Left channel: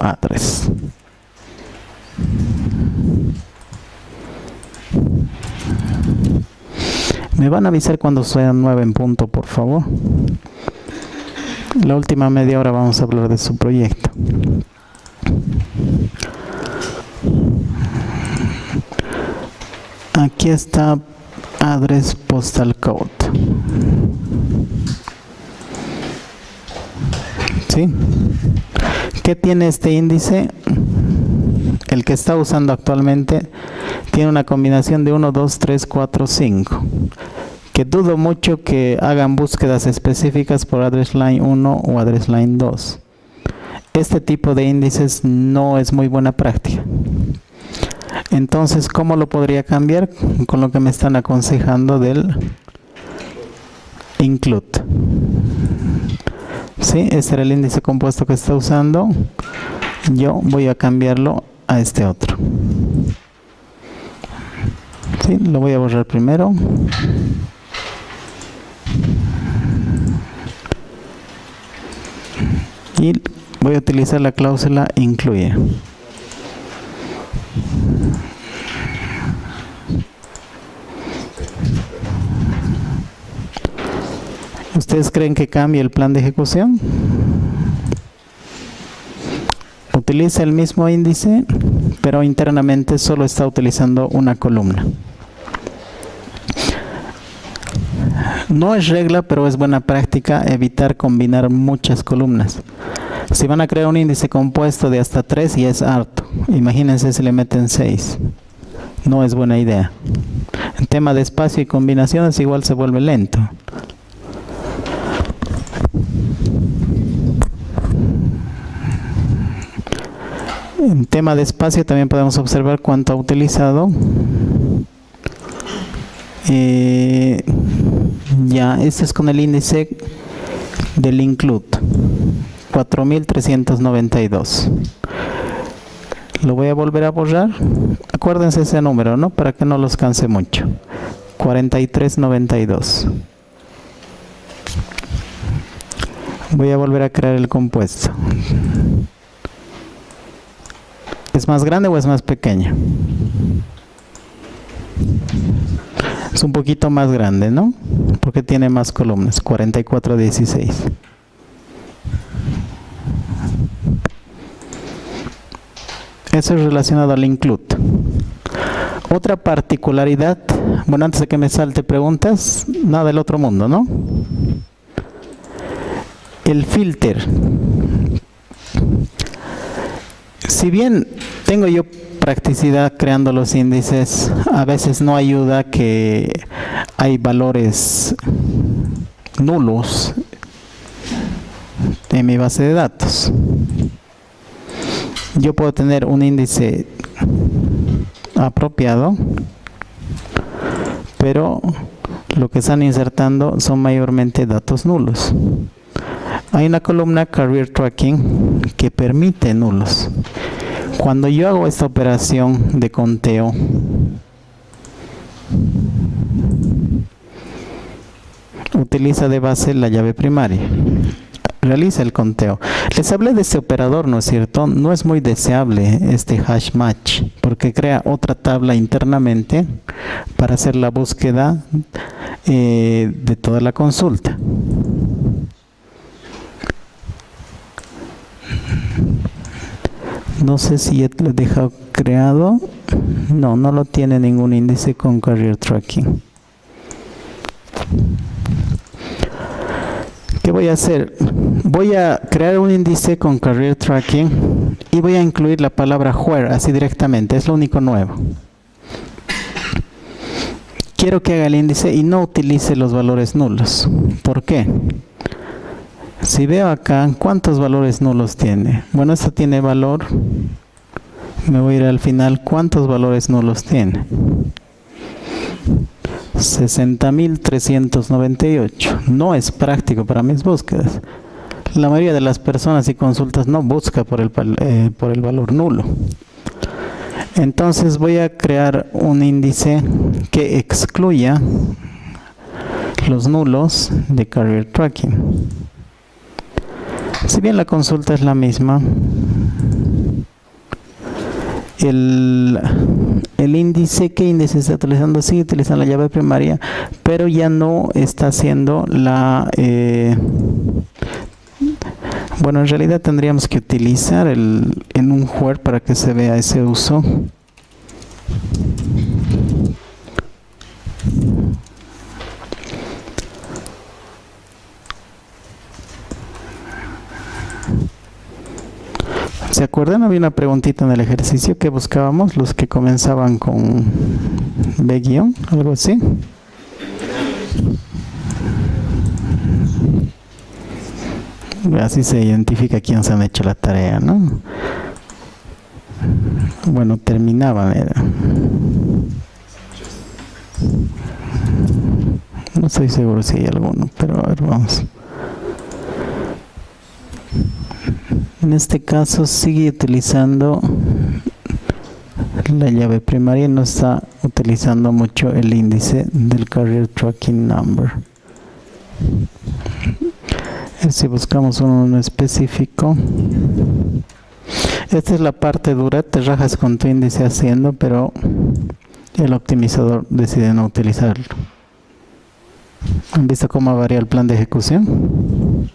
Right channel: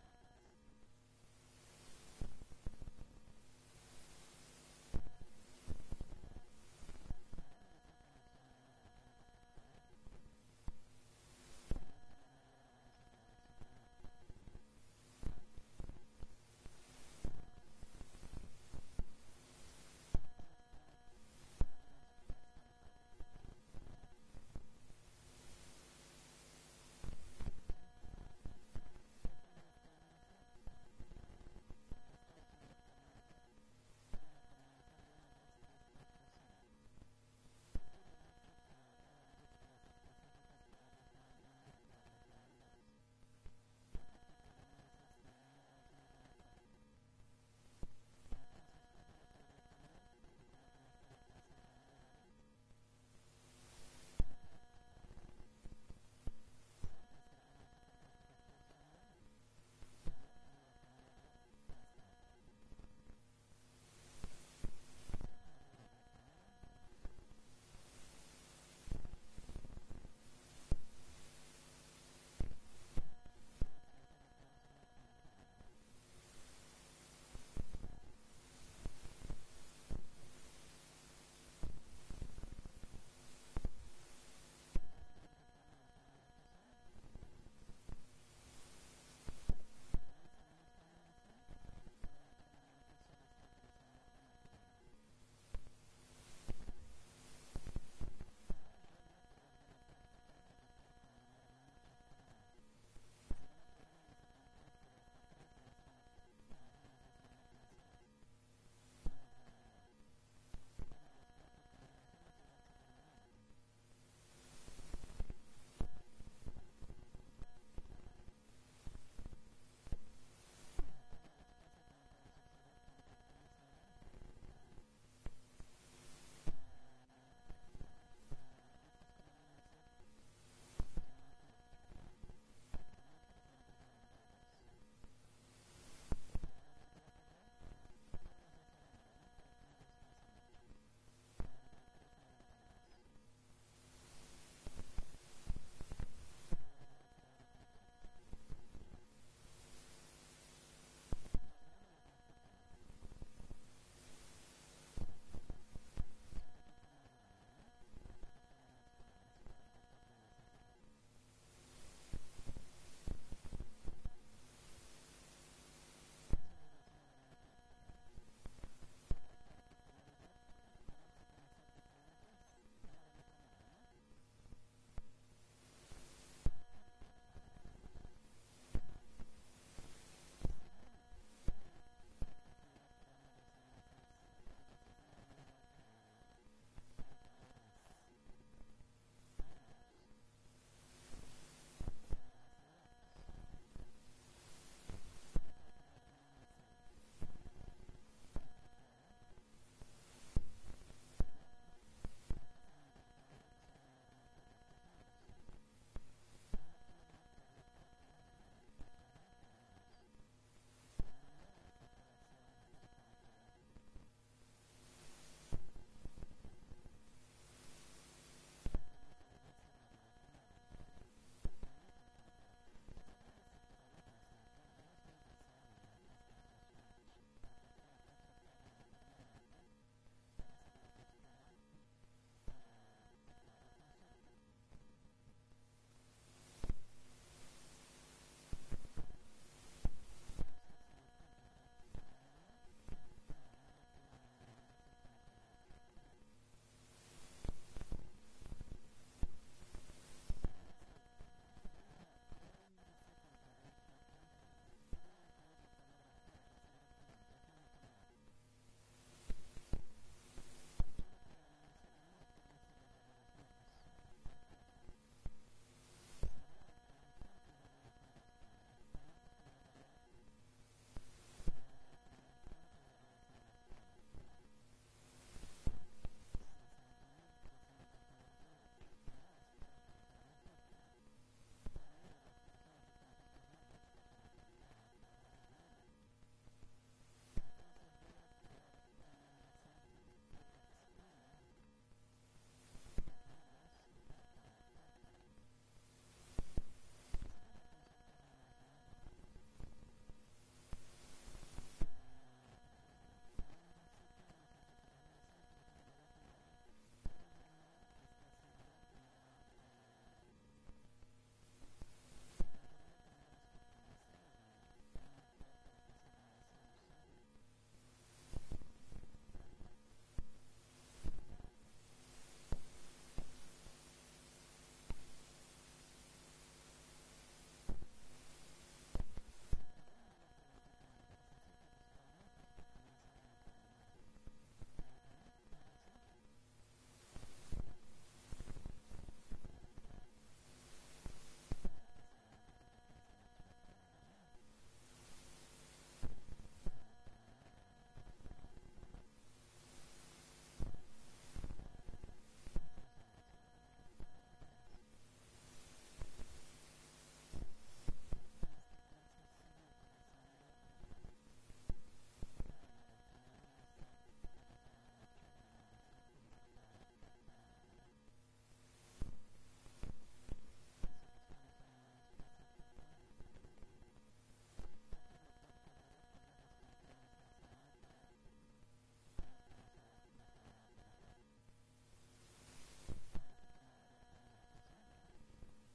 address. Me van a avisar cuando sean 9 en punto, por favor. La última media hora vamos a hablar de su proyecto. Aquí está address postal code. ¿Sí? ¿Qué tiene este índice? El que está usando actualmente tiene una combinación de 1, 2, 3, 4, 5. Que dudo mucho que hagan búsquedas específicas por address line 1 o address line 2. Este tipo de índices no es muy buena práctica. Entonces, ¿cómo lo podría cambiar? Con lo que me están aconsejando del include. ¿Sí? Este era el índice compuesto que está usando. Yo voy a cambiarlo a este otro. ¿Sí? Lo voy a borrar primero. Y voy a utilizar la cláusula incluye. ¿Ustedes creen que cambie el plan de ejecución? Utiliza el mismo índice, pero internamente solo está utilizando una columna. No es regla, pero es buena práctica evitar combinar muchas columnas. Si van a crear un índice compuesto de hasta 3, ya es harto. Imagínense si le meten 6. No es buena idea. En tema de espacio y combinaciones igual se vuelve lento. En tema de espacio también podemos observar cuánto ha utilizado. Ya, este es con el índice del include. 4392. Lo voy a volver a borrar. Acuérdense ese número, ¿no? Para que no los canse mucho. 4392. Voy a volver a crear el compuesto. ¿Es más grande o es más pequeño? Es un poquito más grande, ¿no? Porque tiene más columnas. 4416. Eso es relacionado al include. Otra particularidad, bueno, antes de que me salte preguntas, nada del otro mundo, ¿no? El filter. Si bien tengo yo practicidad creando los índices, a veces no ayuda que hay valores nulos en mi base de datos. Yo puedo tener un índice apropiado, pero lo que están insertando son mayormente datos nulos. Hay una columna Career Tracking que permite nulos. Cuando yo hago esta operación de conteo, utiliza de base la llave primaria. Realiza el conteo. Les hablé de este operador, ¿no es cierto? No es muy deseable este hash match, porque crea otra tabla internamente para hacer la búsqueda de toda la consulta. No sé si ya lo he dejado creado. No, no lo tiene ningún índice con Career Tracking. ¿Qué voy a hacer? Voy a crear un índice con Career Tracking y voy a incluir la palabra where, así directamente, es lo único nuevo. Quiero que haga el índice y no utilice los valores nulos. ¿Por qué? Si veo acá, ¿cuántos valores nulos tiene? Bueno, esto tiene valor. Me voy a ir al final. ¿Cuántos valores nulos tiene? 60.398. No es práctico para mis búsquedas. La mayoría de las personas y consultas no busca por el valor nulo. Entonces voy a crear un índice que excluya los nulos de Career Tracking. Si bien la consulta es la misma, el índice, ¿qué índice está utilizando? Sigue utilizando la llave primaria, pero ya no está haciendo la... bueno, en realidad tendríamos que utilizar en un where para que se vea ese uso. ¿Se acuerdan? Había una preguntita en el ejercicio que buscábamos, los que comenzaban con B-, algo así. Así se identifica quién se han hecho la tarea, ¿no? Bueno, terminaban, era. No estoy seguro si hay alguno, pero a ver, vamos. En este caso sigue utilizando la llave primaria y no está utilizando mucho el índice del Carrier Tracking Number. Si buscamos uno específico, esta es la parte dura, te rajas con tu índice haciendo, pero el optimizador decide no utilizarlo. ¿Han visto cómo varía el plan de ejecución?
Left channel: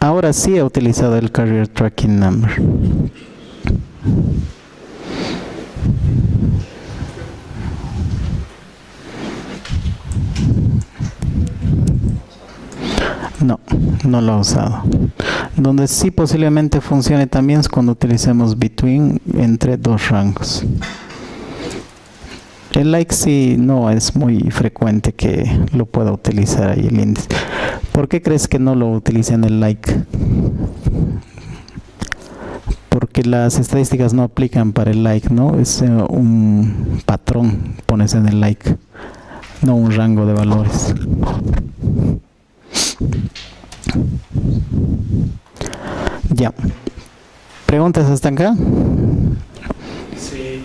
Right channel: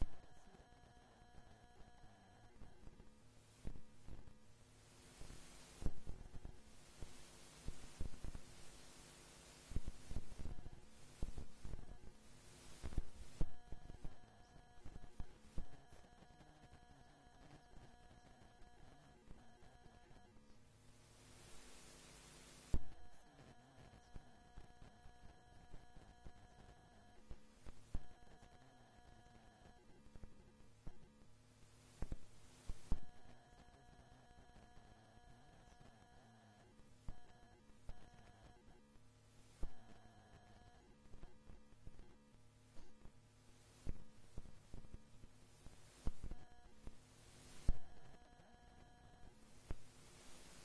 Ahora sí he utilizado el Carrier Tracking Number. No lo he usado. Donde sí posiblemente funcione también es cuando utilicemos between entre dos rangos. El like sí no es muy frecuente que lo pueda utilizar ahí el índice. ¿Por qué crees que no lo utilizan el like? Porque las estadísticas no aplican para el like, ¿no? Es un patrón, pones en el like, no un rango de valores. Ya. ¿Preguntas hasta acá? Sí.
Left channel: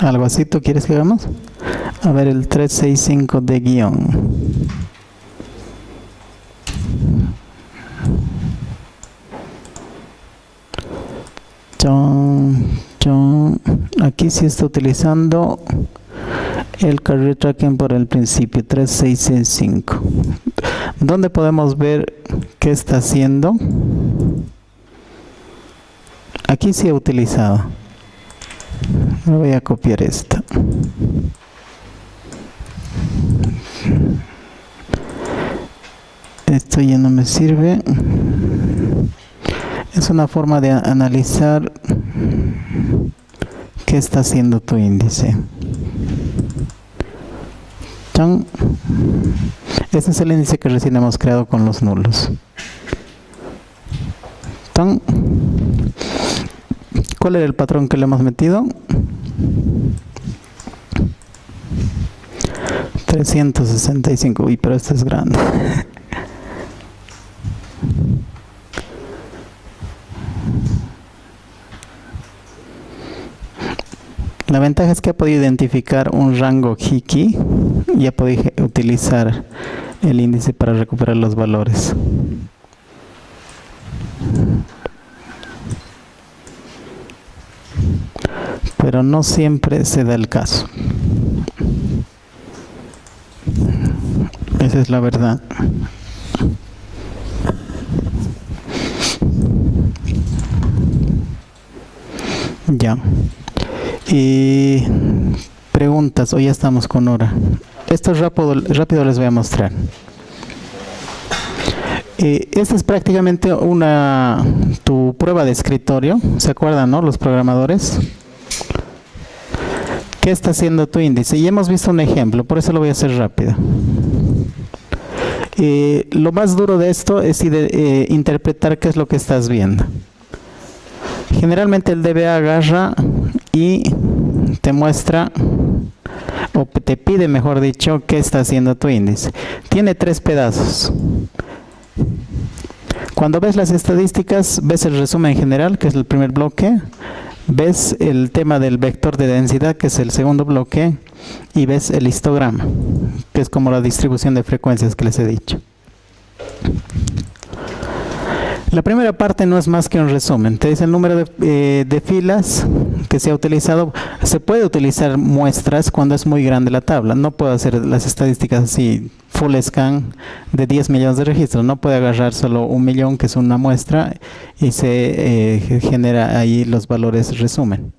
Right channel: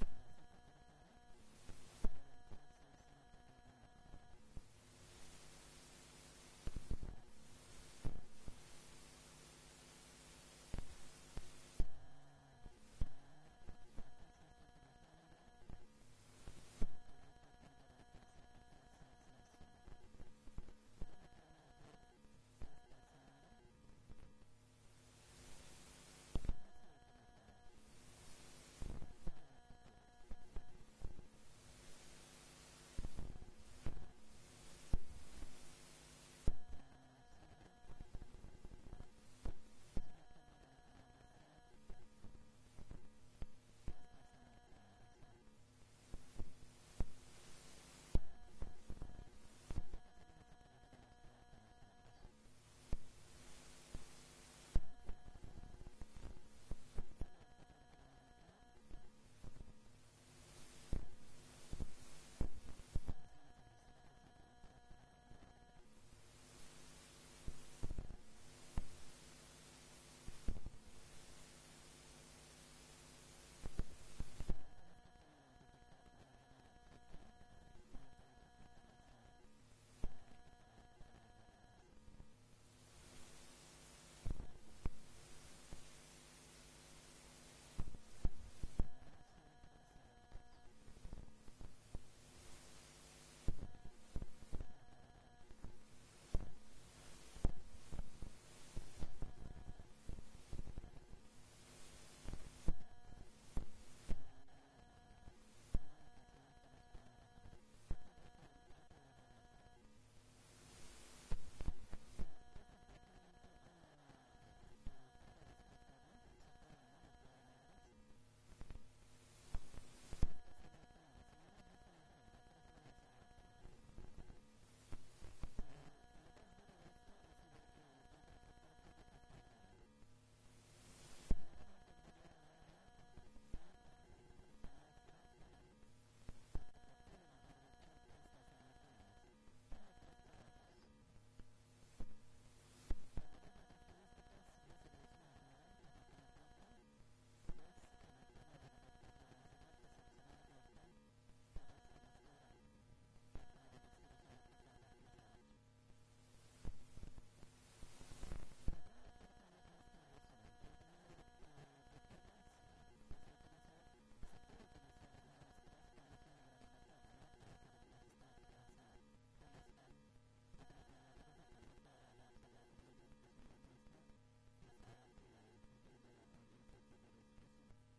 ¿Algo así tú quieres que hagamos? A ver, el 365 de guión. Aquí sí está utilizando el Carrier Tracking por el principio, 365. ¿Dónde podemos ver qué está haciendo? Aquí sí he utilizado. Me voy a copiar esta. Esto ya no me sirve. Es una forma de analizar qué está haciendo tu índice. ¡Chan! Este es el índice que recién hemos creado con los nulos. ¡Chan! ¿Cuál era el patrón que le hemos metido? 365. Uy, pero este es grande. La ventaja es que ha podido identificar un rango Hiki y ha podido utilizar el índice para recuperar los valores. Pero no siempre se da el caso. Esa es la verdad. Ya. Y preguntas, hoy ya estamos con hora. Esto rápido les voy a mostrar. Esta es prácticamente tu prueba de escritorio. ¿Se acuerdan, no? Los programadores. ¿Qué está haciendo tu índice? Y hemos visto un ejemplo, por eso lo voy a hacer rápido. Lo más duro de esto es interpretar qué es lo que estás viendo. Generalmente el DBA agarra y te muestra, o te pide, mejor dicho, qué está haciendo tu índice. Tiene 3 pedazos. Cuando ves las estadísticas, ves el resumen general, que es el primer bloque. ves el tema del vector de densidad, que es el segundo bloque, y ves el histograma, que es como la distribución de frecuencias que les he dicho. La primera parte no es más que un resumen. Te dice el número de filas que se ha utilizado. Se puede utilizar muestras cuando es muy grande la tabla. No puedo hacer las estadísticas así, full scan de 10 millones de registros. No puede agarrar solo 1 millón, que es una muestra, y se genera ahí los valores resumen.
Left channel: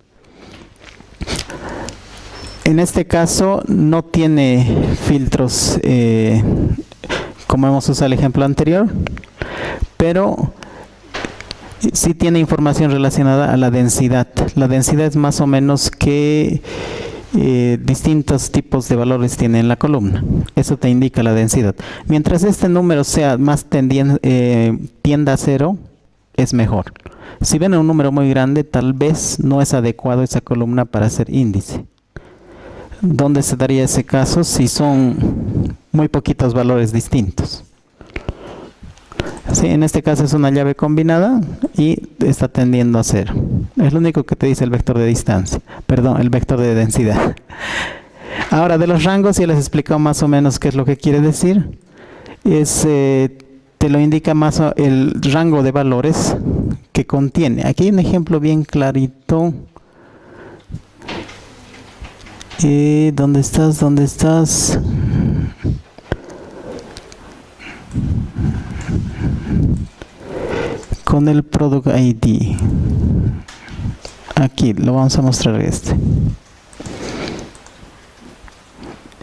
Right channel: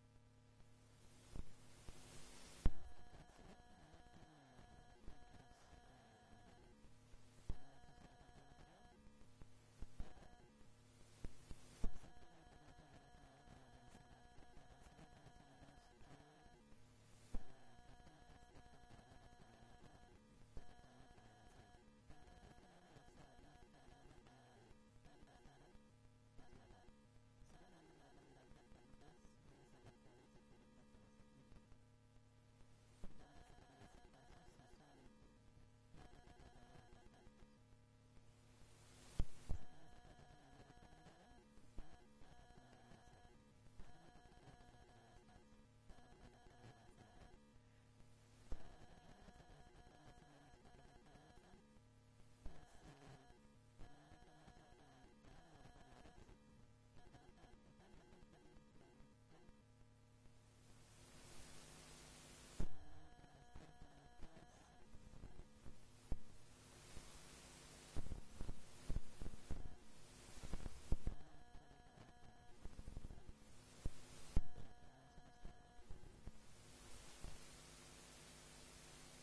En este caso no tiene filtros como hemos usado el ejemplo anterior, pero sí tiene información relacionada a la densidad. La densidad es más o menos qué distintos tipos de valores tiene en la columna. Eso te indica la densidad. Mientras este número sea más tienda a 0, es mejor. Si ven un número muy grande, tal vez no es adecuado esa columna para hacer índice. ¿Dónde se daría ese caso? Si son muy poquitos valores distintos. Sí, en este caso es una llave combinada y está tendiendo a 0. Es lo único que te dice el vector de distancia. Perdón, el vector de densidad. Ahora, de los rangos ya les he explicado más o menos qué es lo que quiere decir. Te lo indica más el rango de valores que contiene. Aquí hay un ejemplo bien clarito. ¿Dónde estás? ¿Dónde estás? Con el Product ID. Aquí lo vamos a mostrar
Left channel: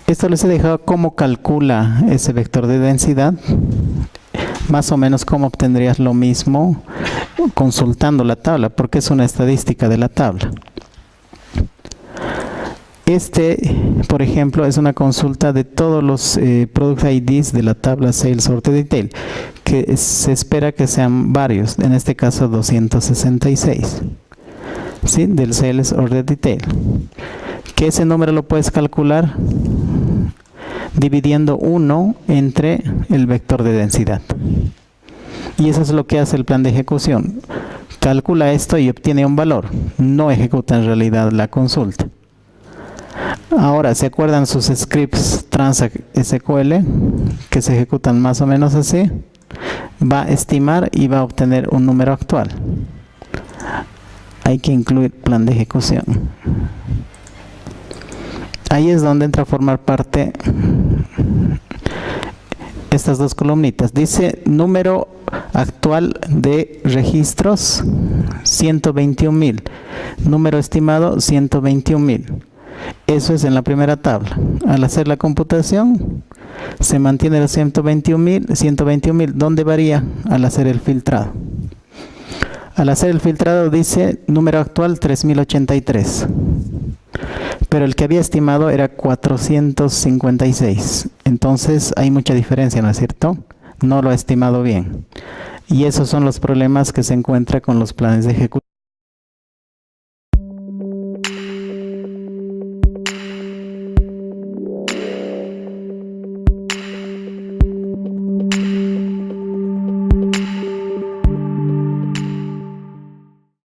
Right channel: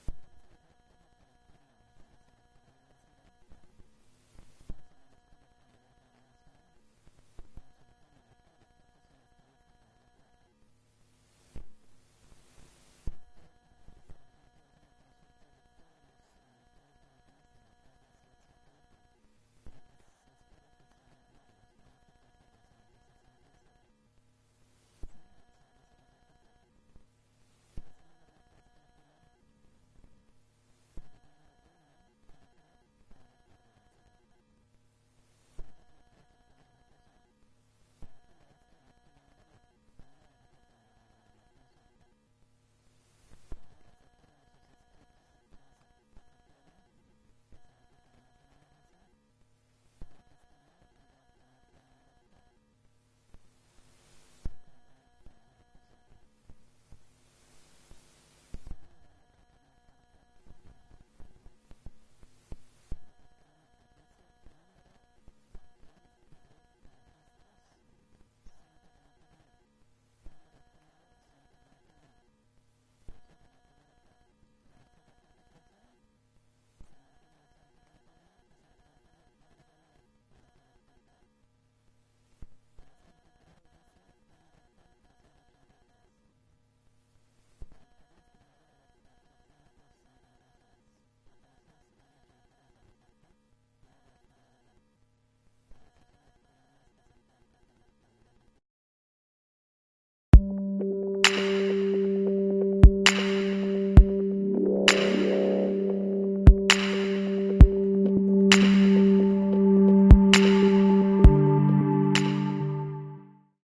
Esto les he dejado cómo calcula ese vector de densidad. Más o menos cómo obtendrías lo mismo consultando la tabla, porque es una estadística de la tabla. Por ejemplo, es una consulta de todos los Product IDs de la tabla Sales Order Detail, que se espera que sean varios, en este caso 266, ¿sí? Del Sales Order Detail. Que ese número lo puedes calcular dividiendo 1 entre el vector de densidad. Y eso es lo que hace el plan de ejecución. Calcula esto y obtiene un valor. No ejecuta en realidad la consulta. Ahora, ¿se acuerdan sus scripts Transact SQL que se ejecutan más o menos así? Va a estimar y va a obtener un número actual. Hay que incluir plan de ejecución. Ahí es donde entra a formar parte estas dos columnitas. Dice número actual de registros 121,000. Número estimado 121,000. Eso es en la primera tabla. Al hacer la computación, se mantiene los 121,000. ¿Dónde varía? Al hacer el filtrado. Al hacer el filtrado dice número actual 3083. Pero el que había estimado era 456. Entonces hay mucha diferencia, ¿no es cierto? No lo ha estimado bien. Y esos son los problemas que se encuentran con los planes de ejecución.